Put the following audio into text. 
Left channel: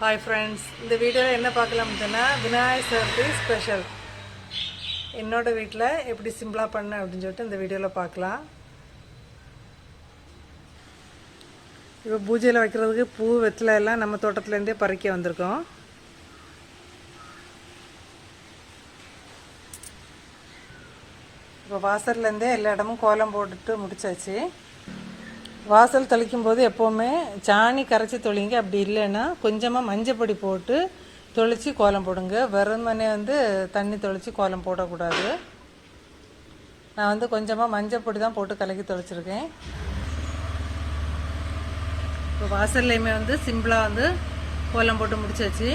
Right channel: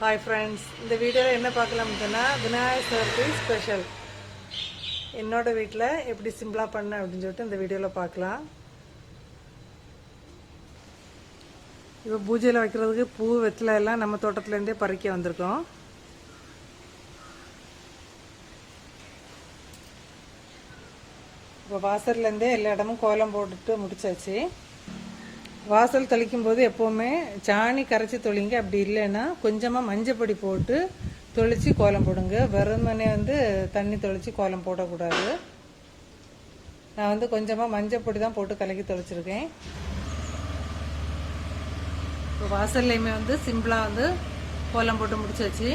Hi friends, இந்த வீடியோவில் என்ன பார்க்கலாம்னு சொன்னால் விநாயகர் சதுர்த்தி ஸ்பெஷல் என்னோட வீட்டில் எப்படி சிம்பிளாக பண்ணேன் அப்படின்னு சொல்லிட்டு இந்த வீடியோவில் பார்க்கலாம். இப்போ பூஜையில் வைக்கிறதுக்கு பூ வெத்தலை எல்லாம் நம்ம தோட்டத்துலேருந்தே பறிக்க வந்திருக்கோம். இப்போ வாசல்லேருந்தே எல்லா இடமும் கோலம் போட்டுட்டு முடிச்சாச்சு. வாசல் தெளிக்கும் போது எப்போவுமே சாணி கரைச்சி தொளிங்க, அப்படி இல்லைன்னா கொஞ்சமாக மஞ்சப்பொடி போட்டு தொளிச்சு கோலம் போடுங்க. வெறுமனே தண்ணி தொளிச்சு கோலம் போடக்கூடாது. நான் கொஞ்சமாக மஞ்சப்பொடி தான் போட்டு கலக்கி தொளிச்சிருக்கேன். இப்போ வாசல்லையுமே சிம்பிளாக கோலம் போட்டு முடிச்சாச்சு.